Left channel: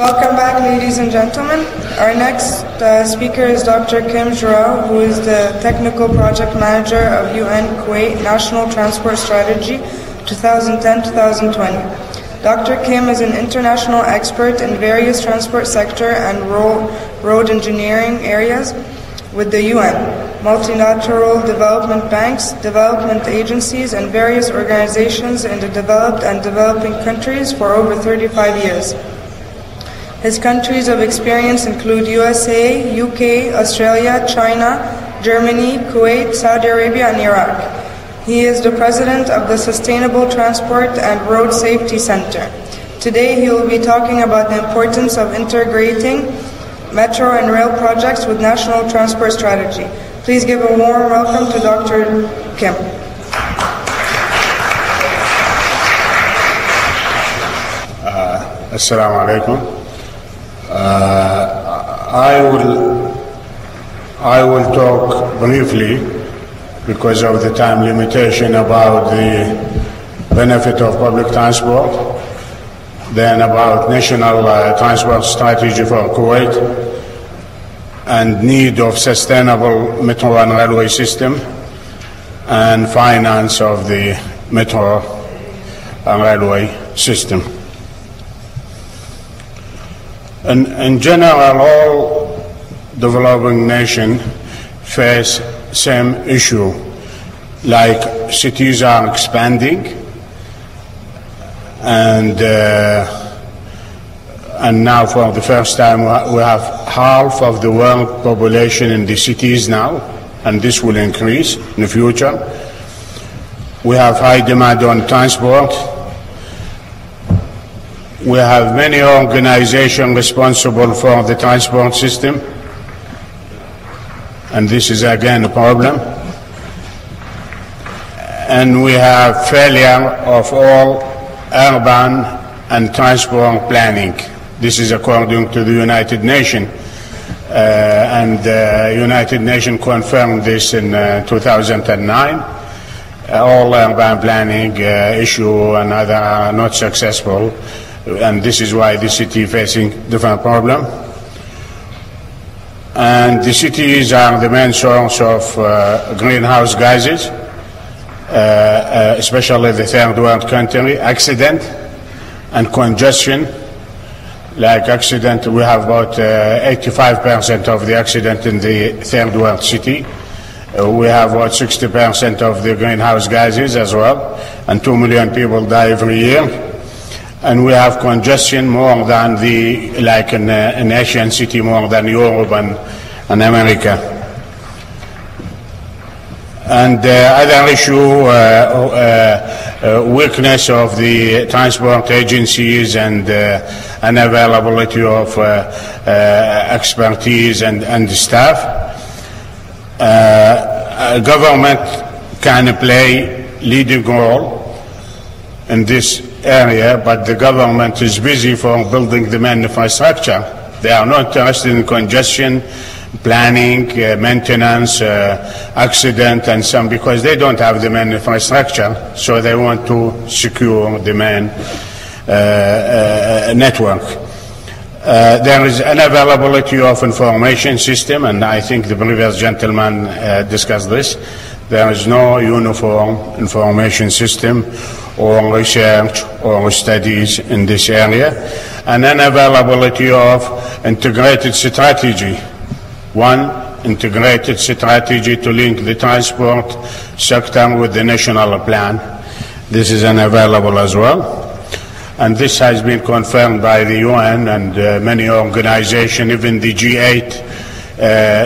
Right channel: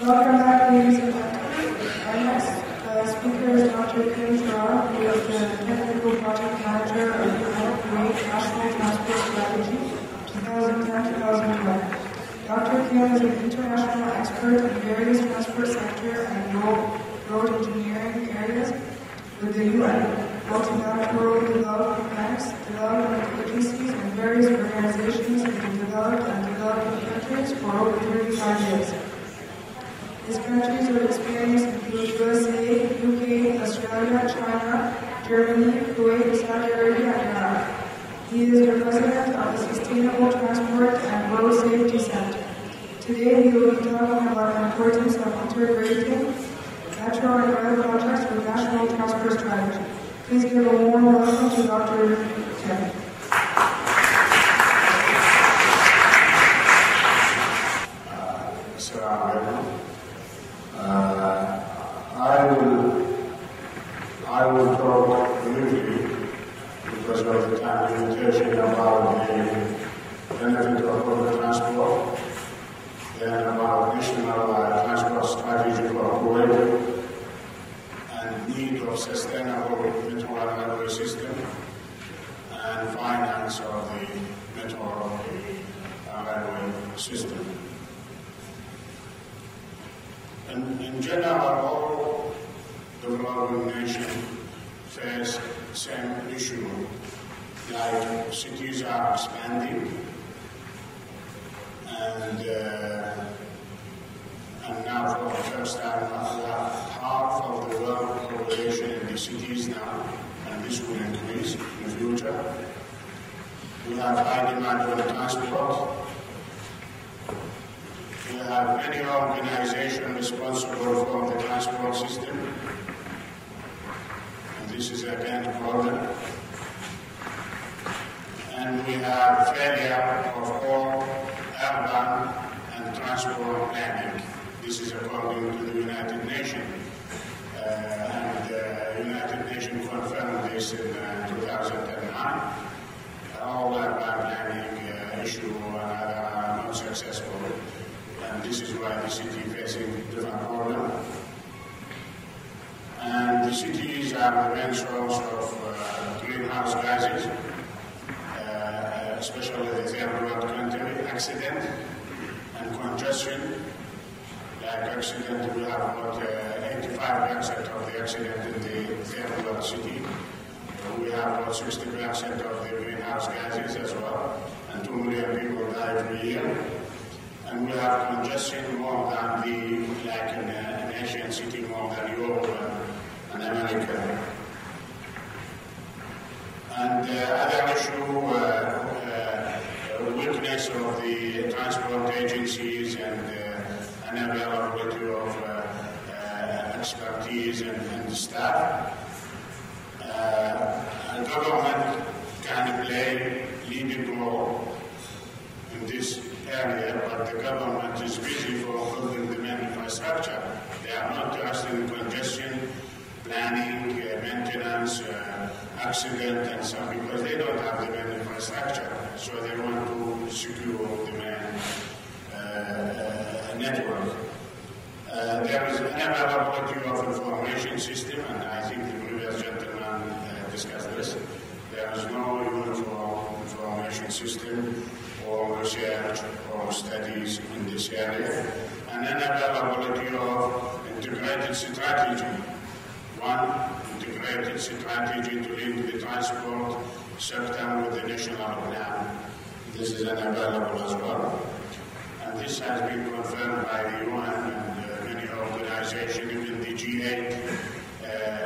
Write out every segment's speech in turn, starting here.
Welcome back, ladies and gentlemen. Our next speaker is Dr. Kim Jraiw, who is the Technical Project Manager of UN Kuwait National Transport Strategy 2010-2020. Dr. Kim is an international expert in various transport sector and road engineering areas with the UN, multilateral development banks, development agencies, and various organizations in the developed and developing countries for over 35 years. His countries of experience include USA, UK, Australia, China, Germany, Kuwait, Saudi Arabia, and Iraq. He is the president of the Sustainable Transport and Road Safety Center. Today he will be talking about the importance of integrating metro and rail projects with national transport strategy. Please give a warm welcome to Dr. Kim. Assalamu alaikum. I will talk briefly, because of the time limitation, about the benefit of public transport, then about national transport strategy for Kuwait, and need of sustainable metro and railway system, and finance of the metro and railway system. In general, all developing nations face same issue, like cities are expanding, and now for the first time we have half of the world population in the cities now, and this will increase in the future. We have high demand on transport. We have many organizations responsible for the transport system, and this is again a problem. And we have failure of all urban and transport planning. This is according to the United Nations, and the United Nations confirmed this in 2009. All urban planning issue and other are not successful. And this is why the city is facing different problems. And the cities are the main source of greenhouse gases, especially the third world country. Accident and congestion. Like accident, we have about 85% of the accident in the third world city. We have about 60% of the greenhouse gases as well, and 2 million people die every year. And we have congestion more than like an Asian city, more than Europe and America. And other issue, weakness of the transport agencies and unavailability of expertise and staff. Government can play leading role in this area, but the government is busy for building the main infrastructure. They are not interested in congestion, planning, maintenance, accident, and some, because they don't have the main infrastructure, so they want to secure the main network. There is unavailability of information system, and I think the previous gentleman discussed this. There is no uniform information system or research or studies in this area, and unavailability of integrated strategy. One, integrated strategy to link the transport sector with the national plan. This is unavailable as well. And this has been confirmed by the UN and many organizations, even the G8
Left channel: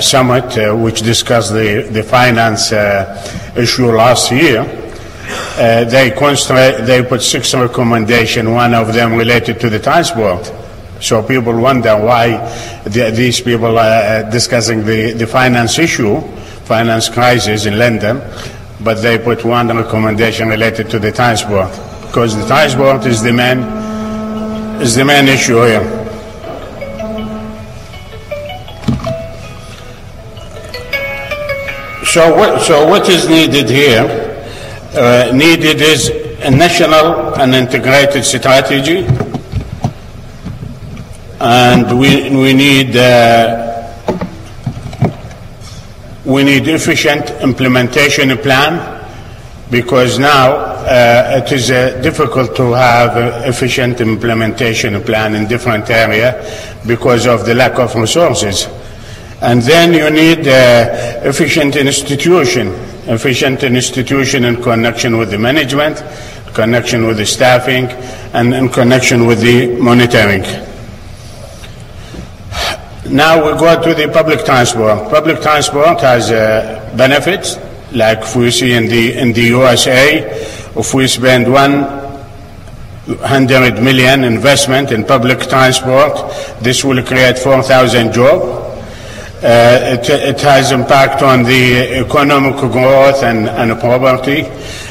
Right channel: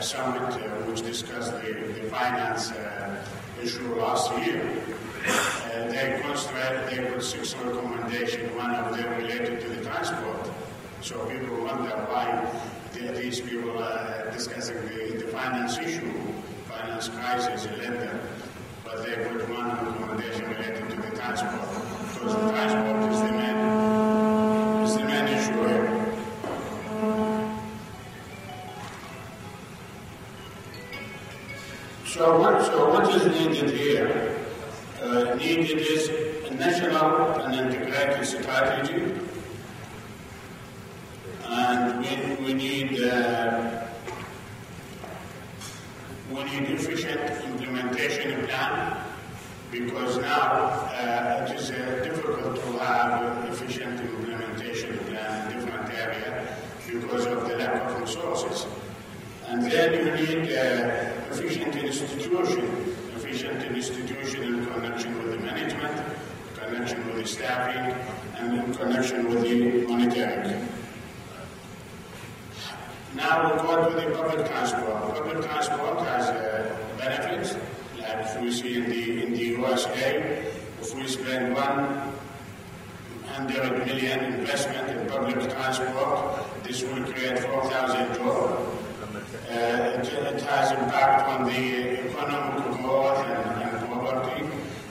summit, which discussed the finance issue last year. They put 6 recommendations, one of them related to the transport. So people wonder why these people are discussing the finance issue, finance crisis in London, but they put one recommendation related to the transport, because the transport is the main issue here. So what is needed here? Needed is a national and integrated strategy and we need efficient implementation plan, because now it is difficult to have an efficient implementation plan in different areas because of the lack of resources. And then you need efficient institution in connection with the management, connection with the staffing, and in connection with the monitoring. Now we go to the public transport. Public transport has benefits, like we see in the USA. If we spend 100 million investment in public transport, this will create 4,000 jobs. It has impact on the economic growth and property.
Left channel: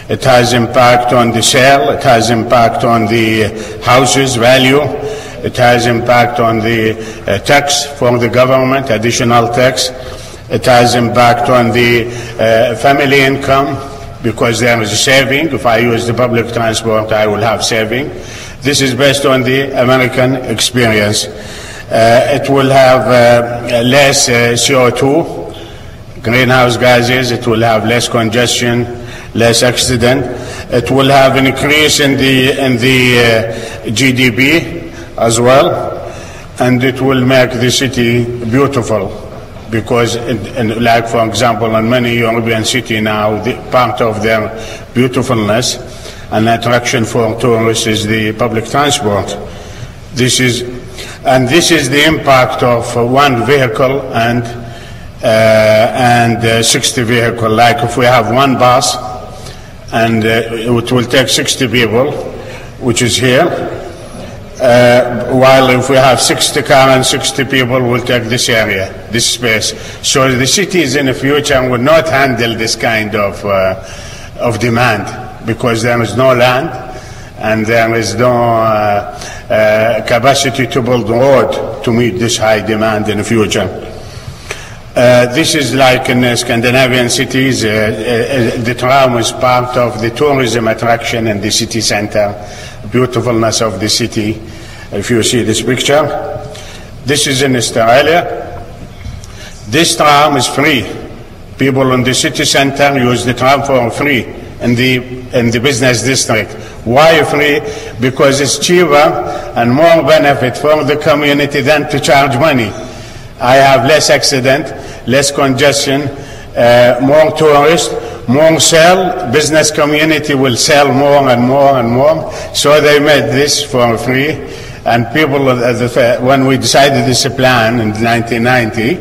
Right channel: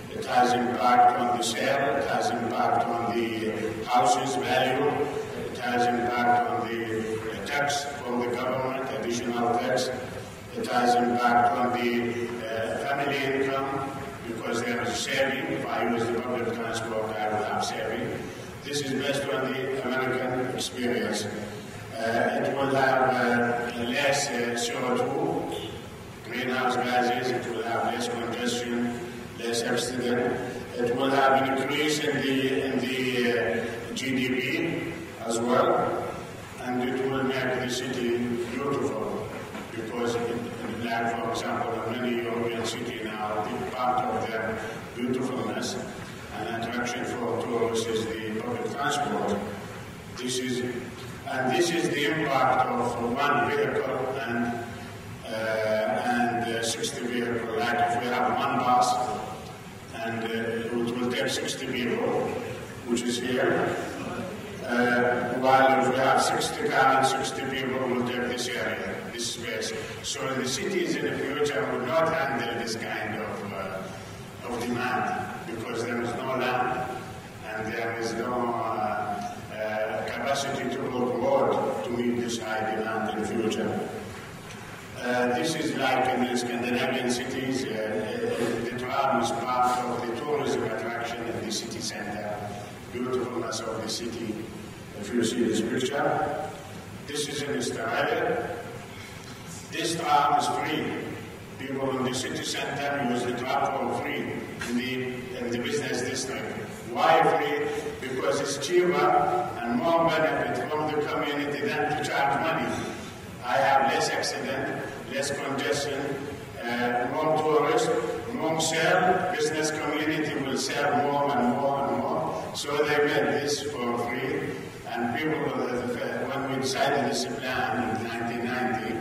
It has impact on the sale. It has impact on the houses value. It has impact on the tax for the government, additional tax. It has impact on the family income, because there is a saving. If I use the public transport, I will have saving. This is based on the American experience. It will have less CO2, greenhouse gases. It will have less congestion, less accident. It will have an increase in the GDP as well, and it will make the city beautiful, because, like for example, in many European cities now, part of their beautifulness and attraction for tourists is the public transport. This is the impact of one vehicle and 60 vehicles. Like if we have one bus and it will take 60 people, which is here, while if we have 60 cars and 60 people, will take this area, this space. So the cities in the future will not handle this kind of demand, because there is no land and there is no capacity to build road to meet this high demand in the future. This is like in Scandinavian cities. The tram is part of the tourism attraction in the city center, beautifulness of the city. If you see this picture, this is in Australia. This tram is free. People in the city center use the tram for free in the business district. Why free? Because it's cheaper and more benefit for the community than to charge money. I have less accident, less congestion, more tourists, more sale. Business community will sell more and more and more. So they made this for free. And people, when we decided this plan in 1990,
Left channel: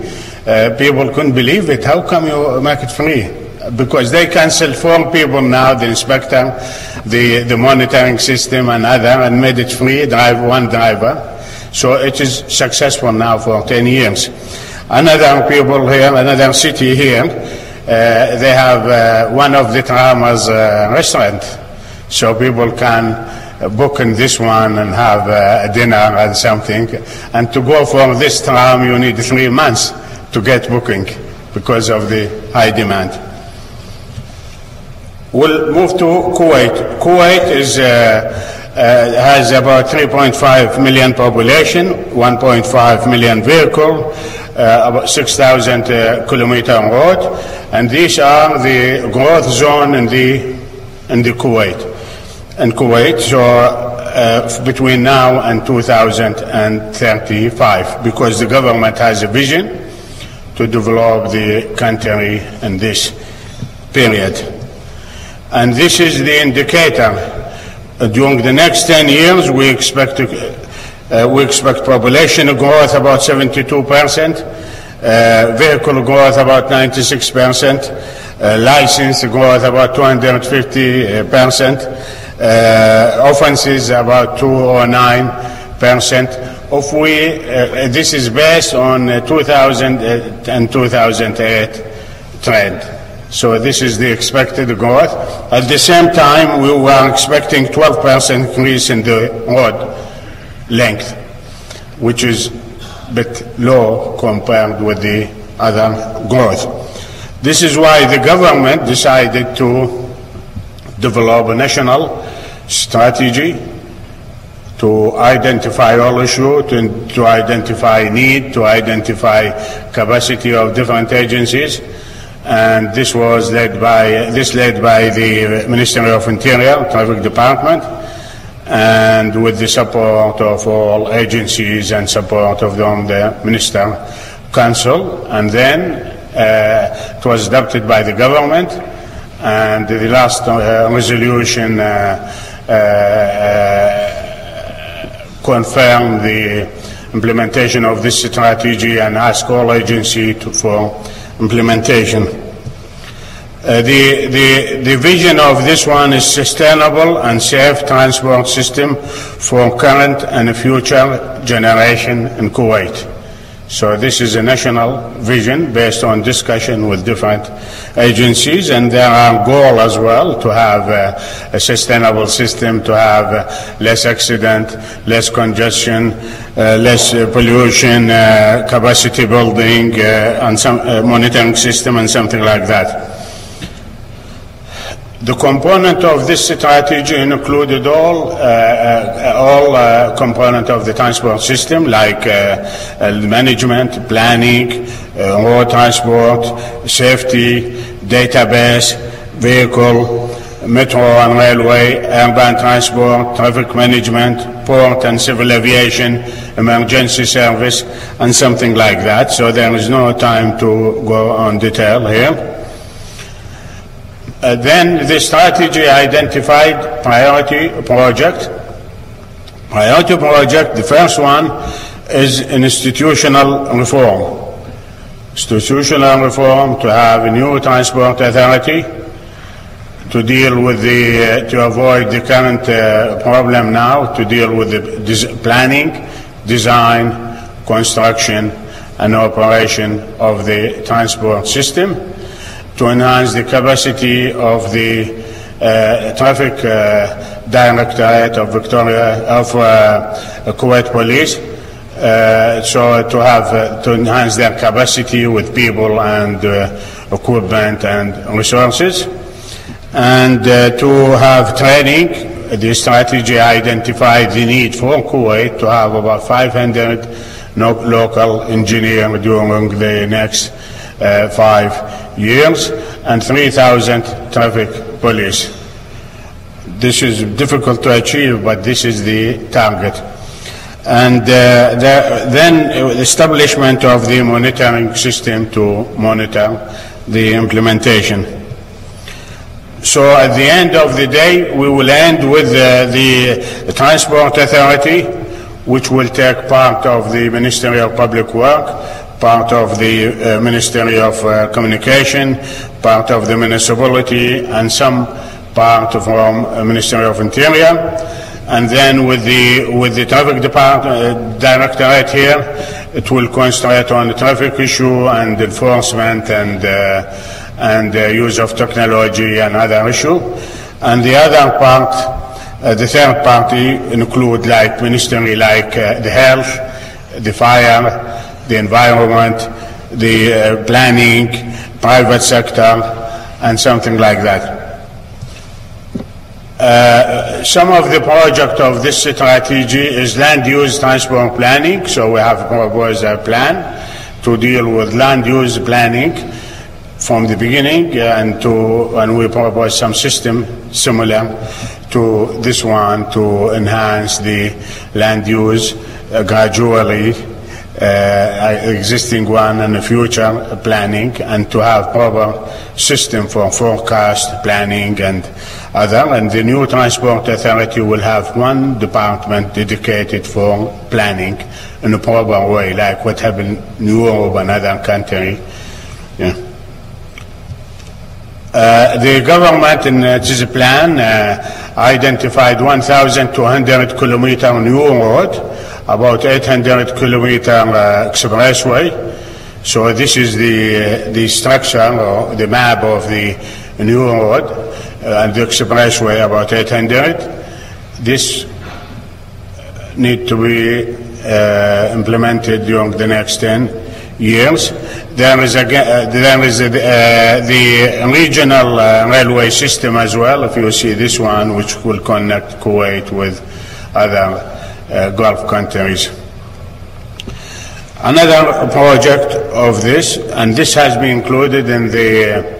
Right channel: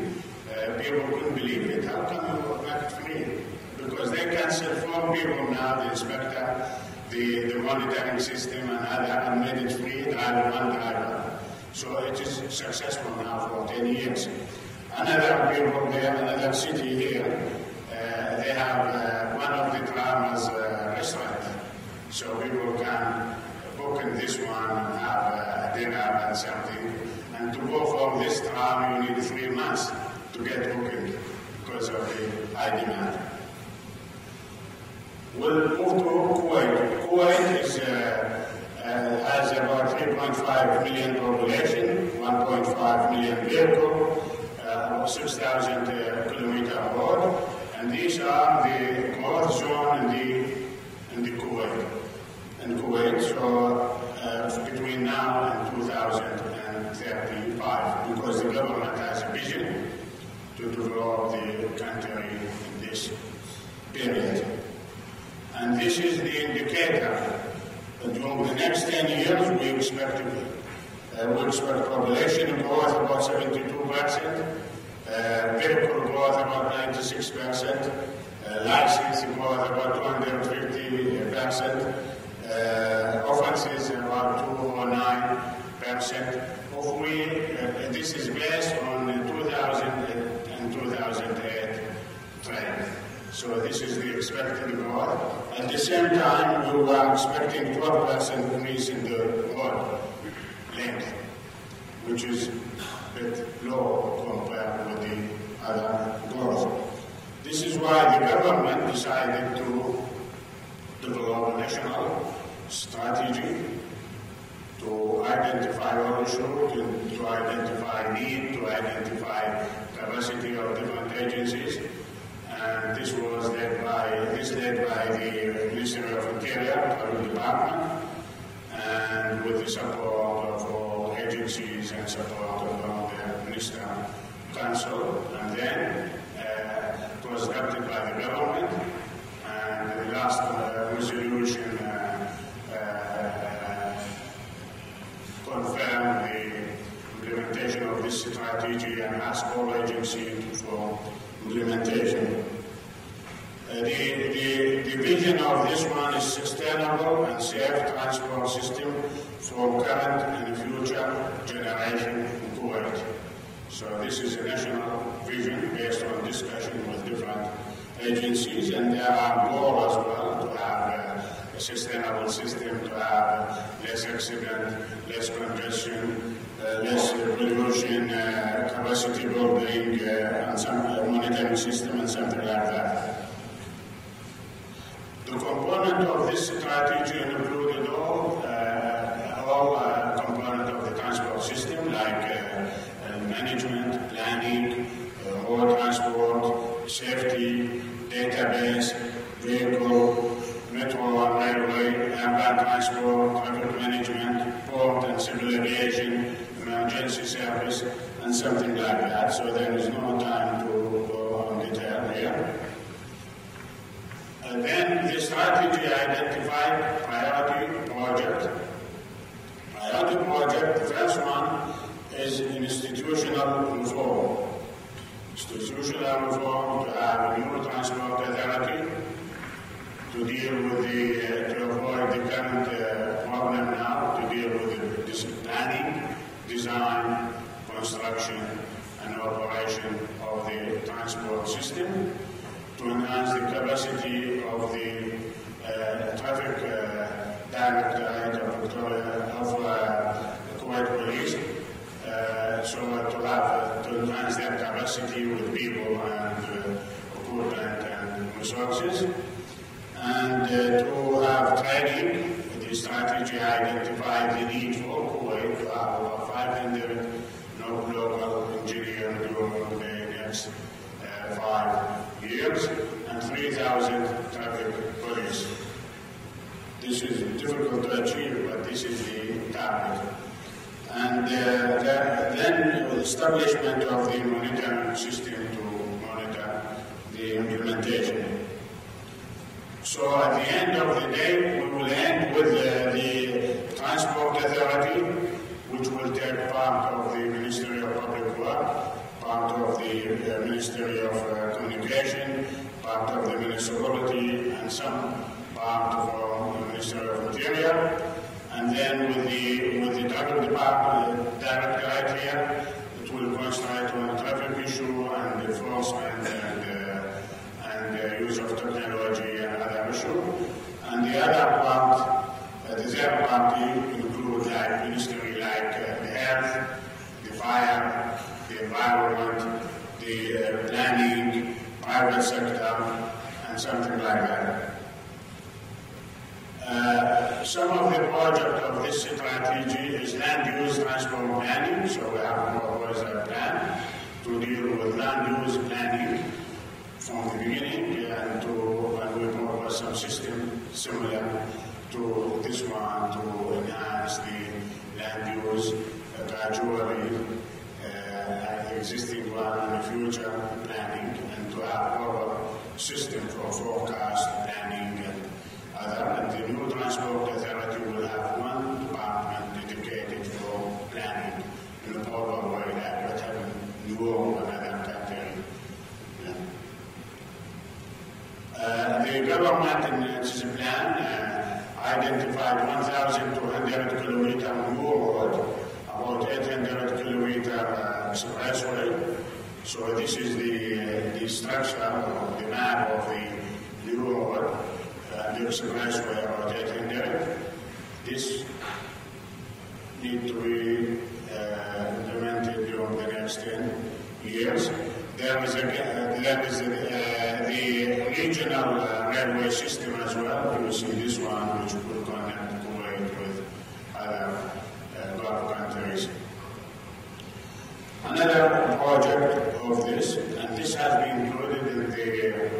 people couldn't believe it. How come you make it free? Because they cancelled 4 people now, the inspector, the monitoring system and other, and made it free, one driver. So it is successful now for 10 years. Another people here, another city here, they have one of the tram as a restaurant. So people can book in this one and have a dinner and something. And to go for this tram, you need 3 months to get booking because of the high demand. We'll move to Kuwait. Kuwait has about 3.5 million population, 1.5 million vehicle, about 6,000 kilometer road, and these are the growth zone in the Kuwait. In Kuwait, so between now and 2035, because the government has a vision to develop the country in this period. And this is the indicator. During the next 10 years, we expect population growth about 72%, vehicle growth about 96%, license growth about 250%, offenses about 209%. This is based on 2000 and 2008 trend. So this is the expected growth. At the same time, we were expecting 12% increase in the road length, which is a bit low compared with the other growth. This is why the government decided to develop a national strategy to identify all issues, to identify need, to identify capacity of different agencies. And this was led by the Ministry of Interior, Traffic Department, and with the support of all agencies and support of the Minister Council. And then it was adopted by the government, and the last resolution confirmed the implementation of this strategy and asked all agencies for implementation. The vision of this one is sustainable and safe transport system for current and future generation in Kuwait. So this is a national vision based on discussion with different agencies, and there are goals as well to have a sustainable system, to have less accident, less congestion, less pollution, capacity building, and some monitoring system and something like that. The component of this strategy included all components of the transport system, like management, planning, road transport, safety, database, vehicle, metro and railway, urban transport, traffic management, port and civil aviation, emergency service, and something like that. So there is no time to go on detail here. Then the strategy identified priority project. Priority project, the first one is institutional reform. Institutional reform, to have a new transport authority, to deal with to avoid the current problem now, to deal with the planning, design, construction, and operation of the transport system, to enhance the capacity of the traffic directorate of Kuwait Police, so to enhance their capacity with people and equipment and resources, and to have training. The strategy identified the need for Kuwait to have about 500 local engineers during the next 5 years and 3,000 traffic police. This is difficult to achieve, but this is the target. And then establishment of the monitoring system to monitor the implementation. So at the end of the day, we will end with the Transport Authority, which will take part of the Ministry of Public Works, part of the Ministry of Communication, part of the municipality, and some part from Ministry of Interior. And then with the Traffic Department Directorate here, it will concentrate on the traffic issue and enforcement and use of technology and other issue. And the other part, the third party, include like ministry like the health, the fire, the environment, the planning, private sector, and something like that. Some of the project of this strategy is land use transport planning. So we have proposed a plan to deal with land use planning from the beginning, and we propose some system similar to this one to enhance the land use gradually, existing one and the future planning, and to have proper system for forecast planning and other. And the new Transport Authority will have one department dedicated for planning in a proper way, like what happened in Europe and other countries. Yeah. The government in its plan identified 1,200 kilometer new road, about 800 kilometer expressway. So this is the structure or the map of the new road, and the expressway about 800. This need to be implemented during the next 10 years. There is the regional railway system as well, if you see this one, which will connect Kuwait with other Gulf countries. Another project of this, and this has been included in the